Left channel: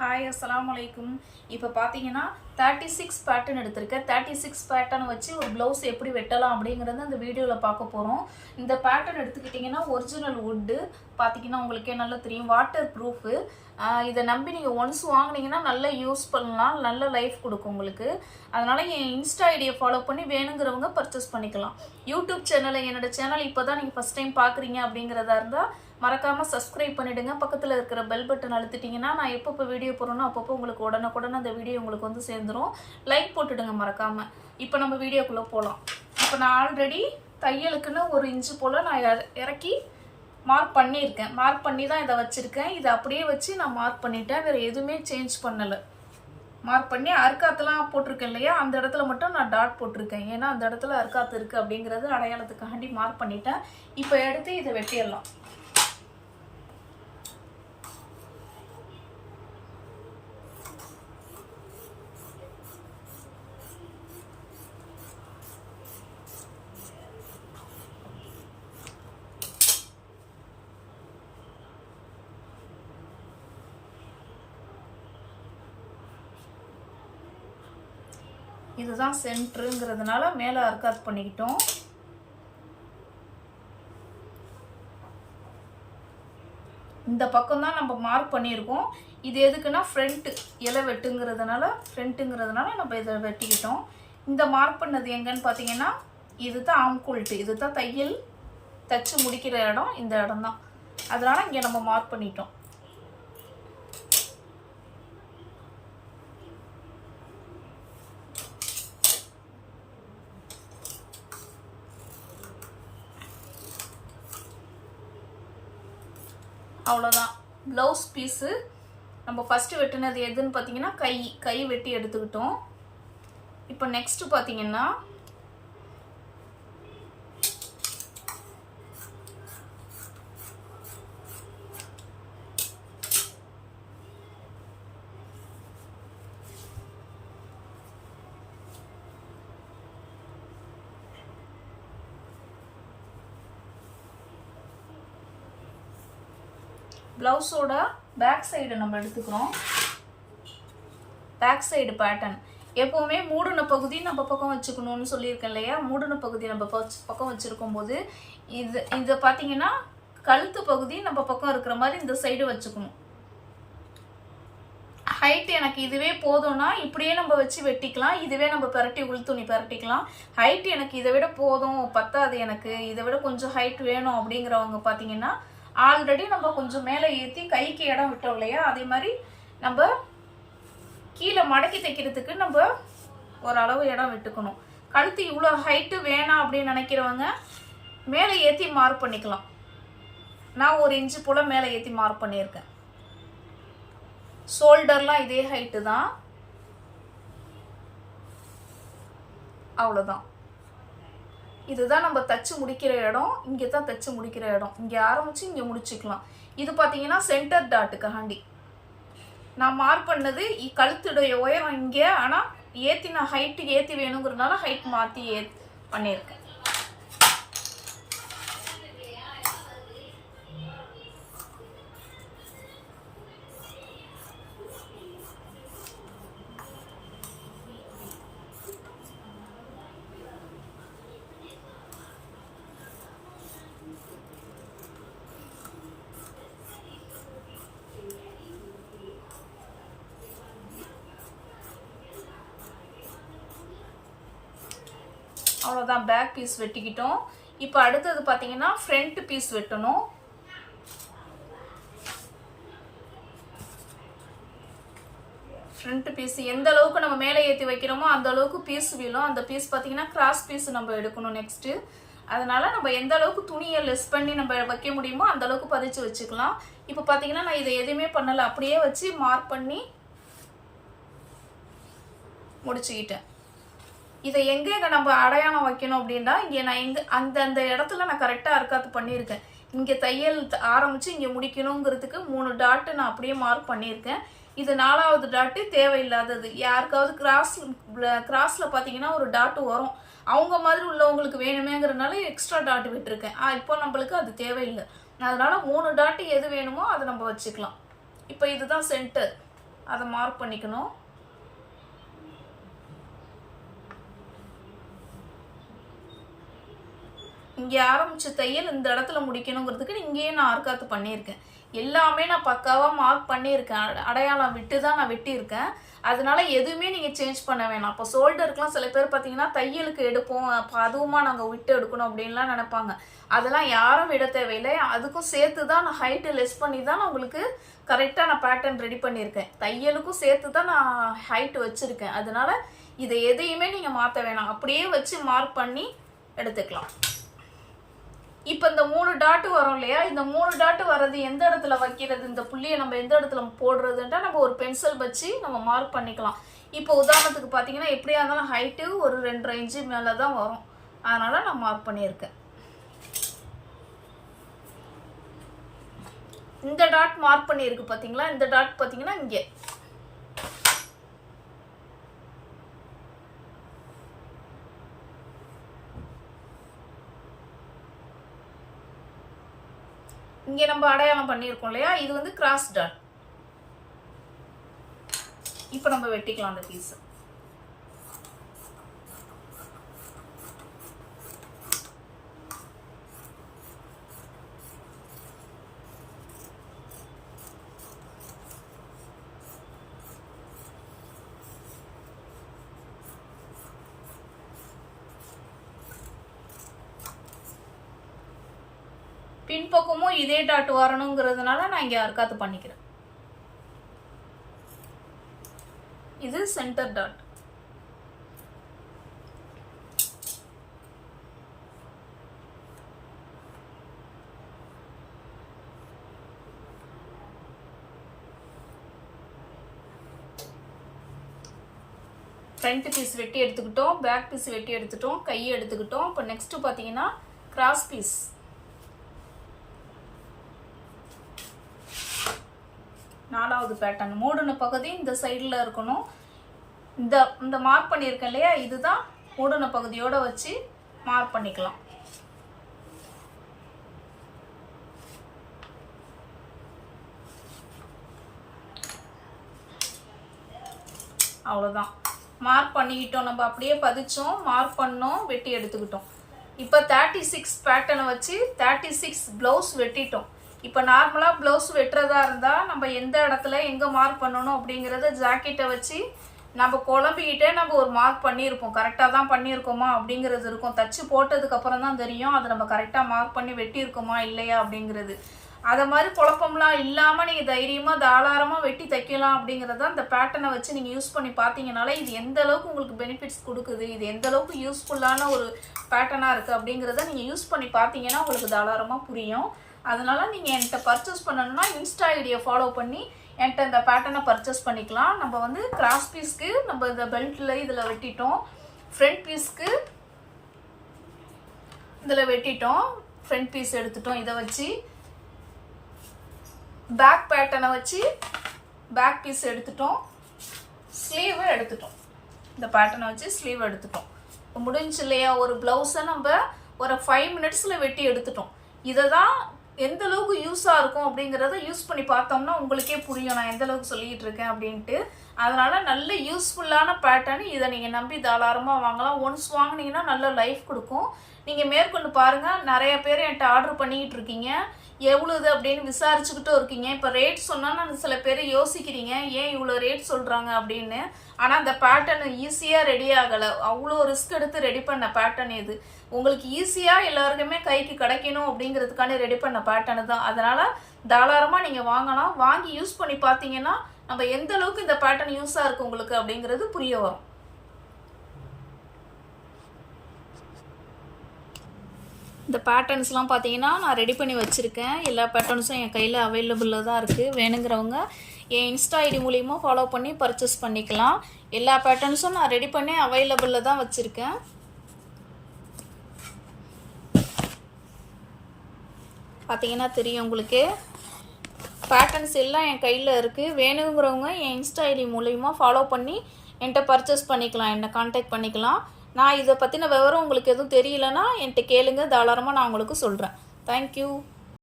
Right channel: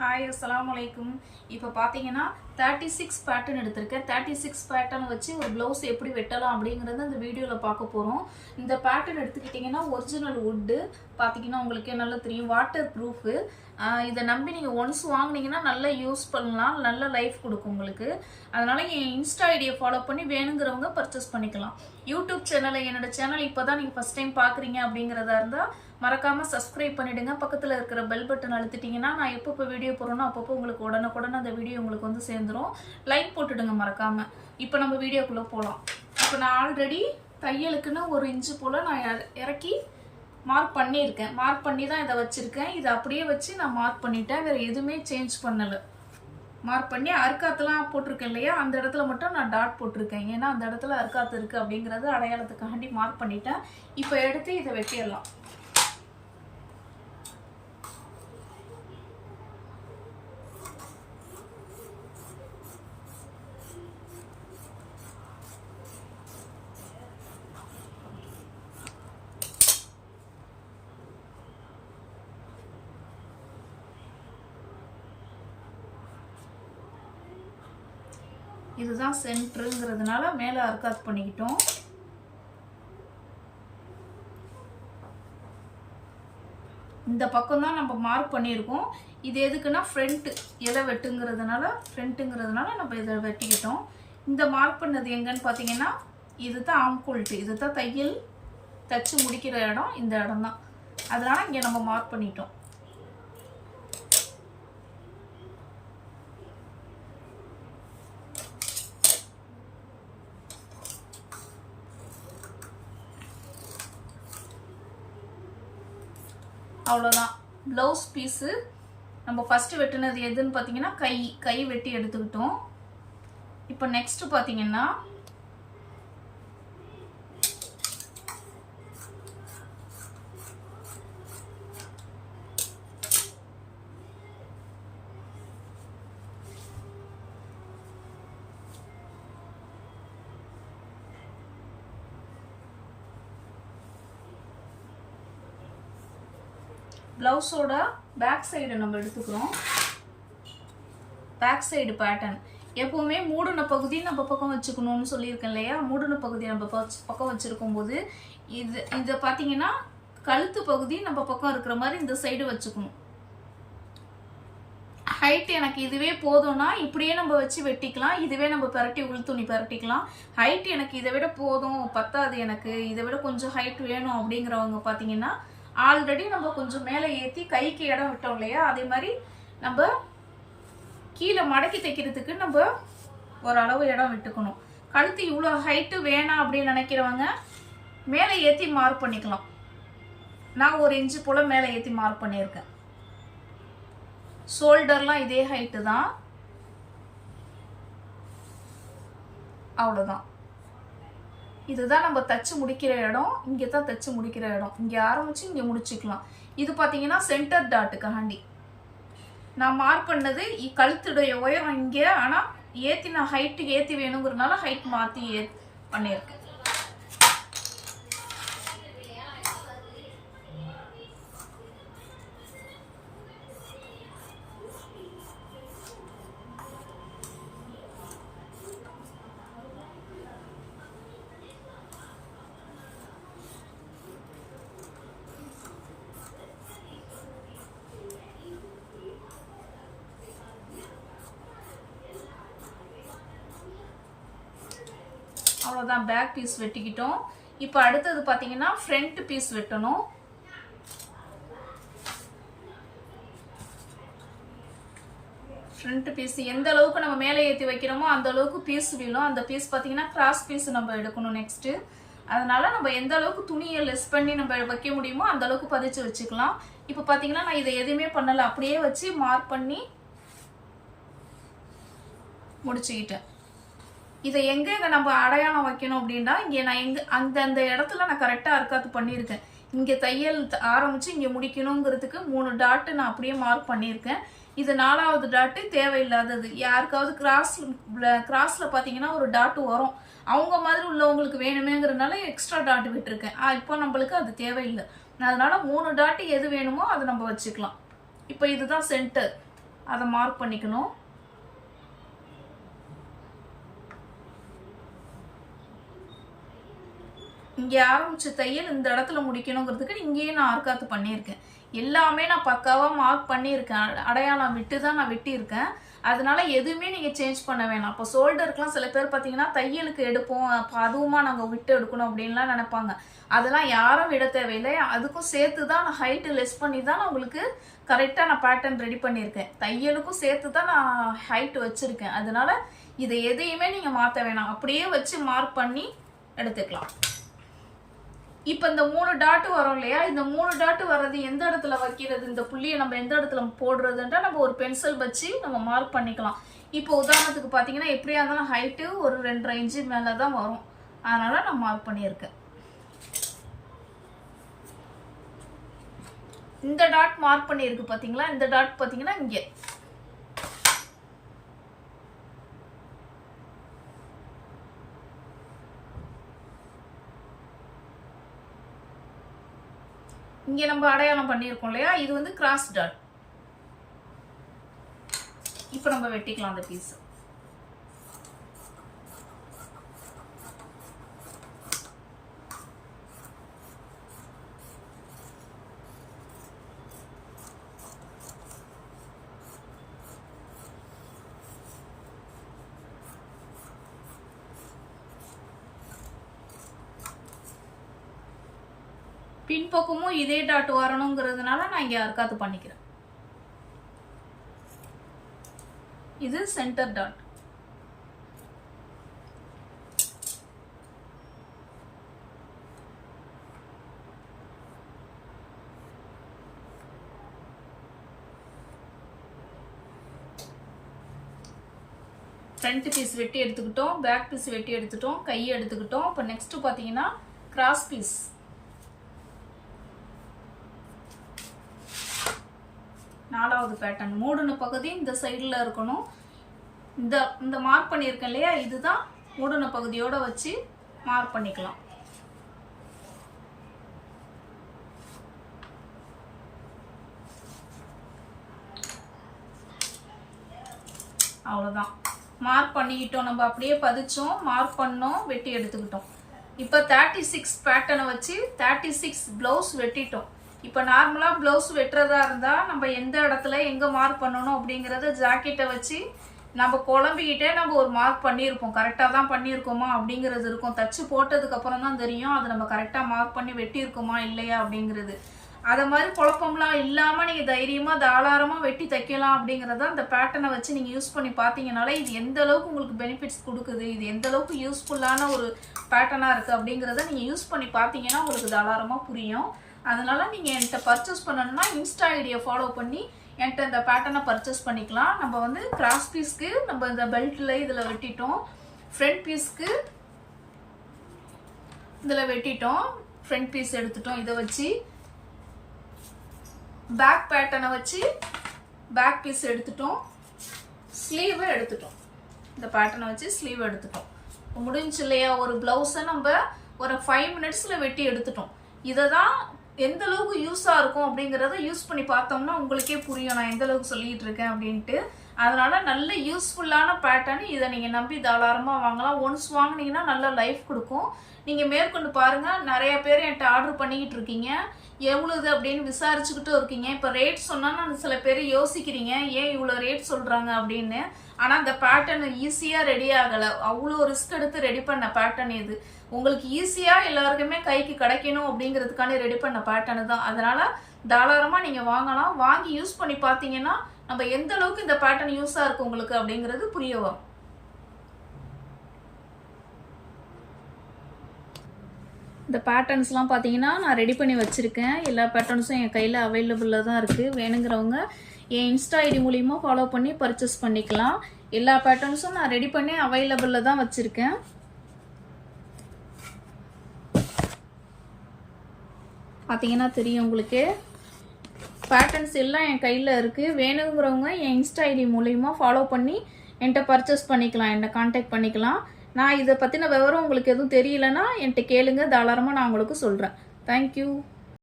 Hi அஸ்ஸலாமு அலைக்கும். இப்போ பார்த்தீங்கன்னா 36 பேட்டர்ன் எடுத்திருக்கேன். 36 பேட்டர்ன் வச்சு ஒரு ப்ளவுஸ் எப்படி வெட்டலாம் அப்படிங்கிறத இந்த வீடியோவில் பார்க்க போகிறோம். இந்த பேட்டர்ன் எடுத்துக்கிட்டிங்கன்னா ஒரிஜினல் வுட்டு பார்த்தீங்கன்னா உங்களுக்கே நல்லா தெரியும், வாட்டர் ப்ரூஃபு. இதை நம்பி நீங்கள் ஒன்ஸ் வாங்கினீங்கன்னா நல்லா யூஸ் பண்ணலாம், நல்ல லைஃப் கொடுக்கும் உங்களுக்கு. அதனால் என் இன்ஸ்டா ஐடியை ஃபாலோ பண்ணி வேணுங்கிறவங்க பர்ச்சேஸ் பண்ணிக்கலாம். யூடியூப் சேனலை என்னோடய சேனல் இப்போ தான் நீங்கள் ஃபஸ்ட் டைம் பார்க்குறீங்க அப்படிங்கிறதா இருந்தால் மறக்காமல் சப்ஸ்கிரைப் பண்ணிவிடுங்க. பக்கத்தில் இருக்கிற பெல் பட்டன் அழுத்திட்டிங்கன்னா நான் எப்பப்போ வீடியோ போடுறேனோ அப்பப்போ உங்களுக்கு உடனுக்குடன் அந்த வீடியோ உங்களுக்கு வந்து சேர்ந்துடும். லைக் போட்டுடுங்க மறக்காமல். இப்போ நம்ம வீடியோக்குள்ளே போகலாம். இப்போ நான் ஆல்ரெடி தையலுக்குன்னு 1 இன்ச்சு போல் நான் இறக்கி மார்க் பண்ணியிருக்கேன். மார்க் பண்ணி தான் இதை வச்சுருக்கேன். இதை அப்படியே வச்சு நான் மார்க் பண்ணிட்டேன், வேறு எதுவுமே சேஞ்ச் பண்ணலை. மார்க் பண்ணி அறுக்காத்துலாம் போட்டிருக்கேன் இல்லையா, அந்த இடத்துல மட்டும் நான் டாட் போட்டிருக்கேன். ஏன்னா அந்த இடத்துல அறுக்காத்து இருக்குது அப்படிங்கிறது அடையாளத்துக்காண்டி மார்க் பண்ணிட்டேன். இப்போ எடுத்து இதை வெட்டிடலாம். இதுதான் சென்டருங்கிறதுனால மேலே அர்க்காத் பண்ணிக்கிட்டோம். இந்த பக்கம் தான் நம்ம மார்க் பண்ணியிருக்கோம். இது எதுக்குன்னா ஃப்ரண்ட் இலை ஃப்ரண்ட்டுங்கிறதுனால நம்ம இதை வெட்டிக்கிட்டோம். இந்த மார்க் பண்ணது எங்கன்னு பார்த்தீங்கன்னா இதுதான் ஆம்கோல்ட்டு, இதுதான் தையல் தச்சு முடிக்கிற இடம், இந்த இடம் தான். அதனால் இங்கே நம்ம மார்க் பண்ணிட்டோம். அவ்வளோதான் ப்ளவுஸ் பீஸு. நம்ம ஃபஸ்ட்டு வெட்டினது எதுன்னு பார்த்தீங்கன்னா கை வெட்டி எடுத்துக்கிட்டோம். இப்போ நெக்ஸ்ட்டு பார்த்தீங்கன்னா ப்ளவுஸோட பேக் சைடு நம்ம எடுத்துக்கிறோம். பேக் சைடு பேட்டர்ன் எப்போவுமே மூடின பகுதி நம்ம பக்கம் வச்சுக்கணும்னு சொல்லியிருக்கேன் இல்லையா. மூடின பகுதி நம்ம பக்கம் வச்சுருக்கும் போது இதை பார்த்தீங்கன்னா கழுத்து பகுதி நம்ம பக்கம் இருக்கிற மாதிரி இந்த சைடு வச்சுக்கணும். ஹைட் எனக்கு இதுவே போதும்னா இப்படியே நம்ம வச்சு வெட்டிக்கலாம். இதுவே நம்ம பரட்டி உள் துணி பரட்டிக்கலாம். ஹைட் எனக்கு இதை விட போதும், பத்தாது, எனக்கு இதை விட கொஞ்சம் ஹைட் வேணும் அப்படிங்கிறவங்க பார்த்தீங்கன்னா ஆல்ரெடி நம்ம கொஞ்சம் மேலே ஏற்றி கைக்கு இடம் விட்டோம் இல்லையா, அதே மாதிரி நம்ம கீழே மடக்கி தைக்கிறதுக்கு நம்ம ஓரளவு இடம் விட்டுக்கணும். கழுத்து இவ்வளோ ஹைட்டு வேணாம் அப்படின்னு நினைக்கிறவங்க மேலே ஏற்றி மார்க் பண்ணிக்கலாம். நான் 1 இன்ச்சு போல் மேலே ஏற்றி மார்க் பண்ணியிருக்கேன். ஷோல்டர்லாம் இதே ஹைட்டு தான். அவ்வளோதான். இதுதான் நம்ம தச்சு முடிக்கிற இடம். இங்கே தான் தச்சு முடிக்கிற இடம். இங்கே ஆரம்பித்து இங்கே முடிச்சுக்கலாம். இது பார்த்தீங்கன்னா சென்டர் டாட்டுக்காண்டி நான் மார்க் பண்ணது கழுத்துடைய உயரம் இங்கே. ஆனால் ஏற்றி நான் ஹைட்டு ஏற்றி வேணுங்கிறதுனால ஹைட் மாற்றி பண்ணியிருக்கேன். அவ்வளோதான், பேக் பீஸ் வெட்டிக்கிட்டோம். இப்போ அடுத்தது பார்த்தீங்கன்னா ஃப்ரண்ட் பீஸ் வெட்டணும். ஃப்ரண்ட் பீஸ் எந்த அளவுக்கு நம்ம மேலே ஏற்றி வைக்கிறோமோ அந்த அளவுக்கு பீஸ் விழும். அந்த பீஸ் பார்த்தீங்கன்னா கிராஸ் பீஸ் நம்ம எடுக்கணும் நெக்ஸ்ட்டு. அதனால் நம்ம எந்த அளவுக்கு துணியை லெஸ் பண்ணி நம்ம வைக்க முடியுமோ அந்த அளவுக்கு பதிச்சு வச்சுக்கலாம். இப்போ பார்த்தீங்கன்னா நான் இதை எதுவுமே பண்ணலை, அப்படியே வச்சு மார்க் பண்ணி முடிச்சுக்கிட்டேன். இதை எங்கே நம்ம அடையாளம் வைக்கணும் அப்படின்னா இங்கே நான் அந்தந்த இடத்துல நான் கரெக்டாக அர்க்காத்து பண்ணியிருக்கேன். இங்கே தையல் ஆரம்பித்து இங்கே முடிக்கணுங்கிறதுக்கு 3 டாட்டு நான் அப்படியே மார்க் பண்ணியிருக்கேன். இது 4வது டாட்டு தேவையில்லாதது. யாருக்காவது கிராஸில் பார்த்தீங்கன்னா ஒரு டாட்டு வரும், அவங்க மாதிரி உள்ளவங்களுக்கு வேணுமேங்கிறதுனால எக்ஸ்ட்ரா டாட்டு விட்டுருக்கேன். இப்போ நம்மளுக்கு அது தேவையில்லை. அதனால் 3 டாட்டு எது வேணுமோ அதை நம்ம வச்சுக்கலாம். இப்போ இதுதான் சென்டர். அதை மார்க் பண்ணிக்கணும். இங்கே ஆரம்பிச்ச தையல் இந்த இடத்துல முடிக்கணுங்கிறதுக்கு இங்கேயே நான் ஆர்காத்து பண்ணியிருக்கேன். எல்லாமே நான் பக்காவாக மார்க் பண்ணியிருக்கேன். அடையாளம் விட்டு தான் நான் வெட்டியிருக்கேன். அதனால எதுவுமே நீங்கள் சேஞ்ச் பண்ண வேணாம். இப்போ ஷோல்டருக்குலாம் சில பேர் பார்த்தீங்கன்னா தையலுக்கு எடுப்போம், அப்போ அதுவுமா நாங்கள் விட்டு எடுக்கணும் அப்படின்லாம் நினைப்பாங்க. அதெல்லாம் யாரும் விட தேவையில்லை. அதுக்கும் சேர்த்து தான் நான் ஹைட்டு லெஸ் பண்ணி தான் நான் உங்களுக்கு கரெக்டாக நான் பேட்டர்ன் ரெடி பண்ணியிருக்கேன். தையலுக்கும் சேர்த்து தான் நான் ஹைட்டு வச்சுருக்கேன். அதனால இதை எதையுமே நீங்கள் மாற்ற வேணாம், அப்படியே வச்சு மார்க் பண்ணி எடுத்துக்கலாம். இப்போ இந்த 3 டாட்டு வரும் இல்லையா, இந்த 3 டாட்டு வர்றது எந்த இடத்துல வைக்கிறது, இந்த புள்ளியை நம்ம எந்த இடத்துல போடுறதுன்றா நம்ம ஒரு பென்சில் வச்சு நம்ம மார்க் பண்ணிக்கலாம். இப்போ உதாரணத்துக்கு பார்த்தீங்கன்னா எப்படியா இருந்தாலும் ஹைட்டு ஒரு 2.5 இன்ச்சு மேலே தான் வரும். அதனால நான் மார்க் பண்ணியிருக்கேன். இந்த டாட் மார்க் பண்ணியிருக்கு பார்த்தீங்களா, இந்த டாட் பார்த்தீங்கன்னா இங்கே இங்கே நம்ம அடையாளம் பண்ணியிருக்கோம் இல்லையா, இது வந்து கிராஸ் டாட். இப்போ நம்ம வெட்டிக்கலாம் அந்த பீஸ். பின்பக்கமும் இதே டாட் வரணுங்கிறதுனால நான் இங்கே அர்க்காத்து பண்ணிக்கிறேன். இது சென்டர் டாட். ஃப்ரண்ட் பீஸ் வெட்டி எடுத்துக்கிட்டோம், பேக் பீஸ் வெட்டி எடுத்துட்டோம், கையை எடுத்துக்கிட்டோம். இப்போ நெக்ஸ்ட் பார்த்தீங்கன்னா கிராஸ் பீஸ். நாலாவது பேட்டர்ன் மூடின பகுதி இந்த சைடில் இருக்கணும். இந்த மார்க் பண்ணியிருக்கேன் இல்லையா, இதுதான் மூடின பகுதியோட வச்சு மார்க் பண்ணிக்கலாம். அவ்வளோதான், மார்க் பண்ணிக்கிட்டோம். நம்ம அப்படியே பதிச்சோம், மார்க் பண்ணோம், வெட்டி எடுத்துக்கிட்டோம். இப்போ 36 பேட்டர்னை வச்சு 36 ப்ளவுஸ் வெட்டிட்டோம். இப்போ நார்மலாக ப்ளவுஸ் வெட்டுறதா இருந்தால் நம்ம எந்த இடத்துல எங்கே மார்க் பண்ணணும் அப்படிங்கிறத ஜாக்கெட்டை வச்சு நம்ம குழம்பிக்கிட்டே நம்ம ஒரு மார்க் பண்ணியிருப்போம். கரெக்டாக தான் பண்ணியிருக்கோமா அப்படிங்கிறது இருக்கும். தச்சு போட்டதுக்கப்புறம் தான் தெரியும் அது நம்ம கரெக்டாக மார்க் பண்ணி வெட்டியிருக்கோமா இல்லையா அப்படிங்கிறது. அதை மாதிரி குழப்பம்லாம் இல்லாமல் நீங்கள் தைரியமாக தாராளமாக வெட்டி தைக்கலாம் அப்படிங்கிறத அந்த பேட்டர்னை வச்சு நீங்கள் யூஸ் பண்ணி பார்த்தீங்கனால இது எந்த அளவுக்கு உங்களுக்கு பெனிஃபிட்ஸ் கொடுக்குது, இது எந்த அளவுக்கு யூஸ்ஃபுல்லான ஒரு பேட்டர்னாக இருக்குது அப்படிங்கிறத நீங்கள் யூஸ் பண்ணி பார்த்தீங்கன்னா உங்களுக்கு தாராளமாக புரியும். அதனால நீங்கள் என்கிட்ட பர்ச்சேஸ் பண்ணணும்னா இன்ஸ்டா ஐடியை ஃபாலோ பண்ணி என்கிட்ட இந்த பேட்டர்னை பர்ச்சேஸ் பண்ணிக்கலாம். நம்ம வந்து கிராஸ் பீஸ்க்கு நம்ம இந்த பெல்ட்டில் இதில் வெட்டிட்டோம், ஃப்ரண்ட் பீஸ்க்கு இதில் வெட்டிட்டோம், ஃப்ரண்ட் பீஸ் எடுத்துட்டோம். இதை வச்சு பேக் பேட்டர்னை வச்சு பேக் பீஸ் எடுத்துட்டோம், ஸ்லீவ் எடுத்துட்டோம். இந்த பேட்டர்னை வச்சு ஸ்லீவ் எடுத்துட்டோம். இப்போ முடிஞ்சு இல்லையா, ஒரு ப்ளவுஸை நம்ம ஒரு 5 மினிட்ஸில் வெட்டி எடுத்துட்டோம். இதை தான் எந்த அளவுக்கு யூஸாக இருக்கும் அப்படிங்கிறத யூஸ் பண்ணி பார்த்தோம்னா உங்களுக்கே புரியும் நான் எந்த அளவுக்கு சொல்லிகிட்டு இருக்கேன் அப்படின்ட்டு. அதனால் நல்ல யூஸ்ஃபுல்லான பேட்டர்ன். இதை நீங்கள் நம்பி தாராளமாக வாங்கலாம். ஒன்ஸ் வாங்கினீங்கன்னா நல்ல லைஃப் கொடுக்கும். நீங்கள் மேற்கொண்டு பாருங்கள், நிறைய பேர் என்கிட்ட ஆர்டர் பண்ணிக்கிட்டு இருக்கீங்க, எவ்வளோது அப்படின்னு விசாரிச்சுக்கிட்டும் இருக்கீங்க. இப்போ ரேட் சொன்னால் சில பேர் யோசிக்கிறீங்க ஏன் இவ்வளோ ரேட் சொல்கிறாங்க அப்படின்னு. ஆனால் அந்த பேட்டர்ன் ஈஸியாக ரெடி ஆகலை, அவ்வளோ ரிஸ்க் எடுத்து ரெடி பண்ண பேட்டர்ன் இது. உங்களுக்கு ஈஸியாக எல்லாருக்குமே கைக்கு கிடைக்கணும் அப்படிங்கிறதுக்கான ரெடி பண்ண பேட்டர்ன் தான். அதனால் தாராளமாக நீங்கள் வாங்கலாம். வாங்கி யூஸ் பண்ணி பார்த்தீங்கன்னா நம்ம எந்த அளவுக்கு இந்த பேட்டர்ன் யூஸாக இருக்குது உங்களுக்கு அப்படிங்கிறது புரிய வரும். இந்த பேட்டர்ன்ஸ்லாம் பார்த்தீங்கன்னா நான் ரெடி பண்ணி வச்சுருக்கேன். எல்லா பேட்டர்ன்ஸும் என் கையில் அவைலபிளாக தான் இருக்குது. வேணுங்கிறவங்க என் இன்ஸ்டா ஐடி மூலிமா ஃபாலோ பண்ணி பர்ச்சேஸ் பண்ணிக்கலாம். எல்லா பேட்டர்ன்ஸும் நான் ரெடி பண்ணி அவைலபிளாக தான் வச்சுருக்கேன். பார்த்தீங்கன்னா தெரியும் உங்களுக்கு, பேட்டர்ன்ஸ் எல்லாம் என் கையில் இருக்குது. வேணுங்கிறவங்க என் இன்ஸ்டா ஐடி மூலிமா ஃபாலோ பண்ணி என்கிட்ட பர்ச்சேஸ் பண்ணிக்கலாம், என்னை கான்டாக்ட் பண்ணிக்கலாம். நான் இதை பற்றின விவரம் உங்களுக்கு எதுவும் தெரியலன்னா என்கிட்ட கேளுங்க, தாராளமாக நான் உங்களுக்கு சொல்கிறேன். தேங்க்யூ.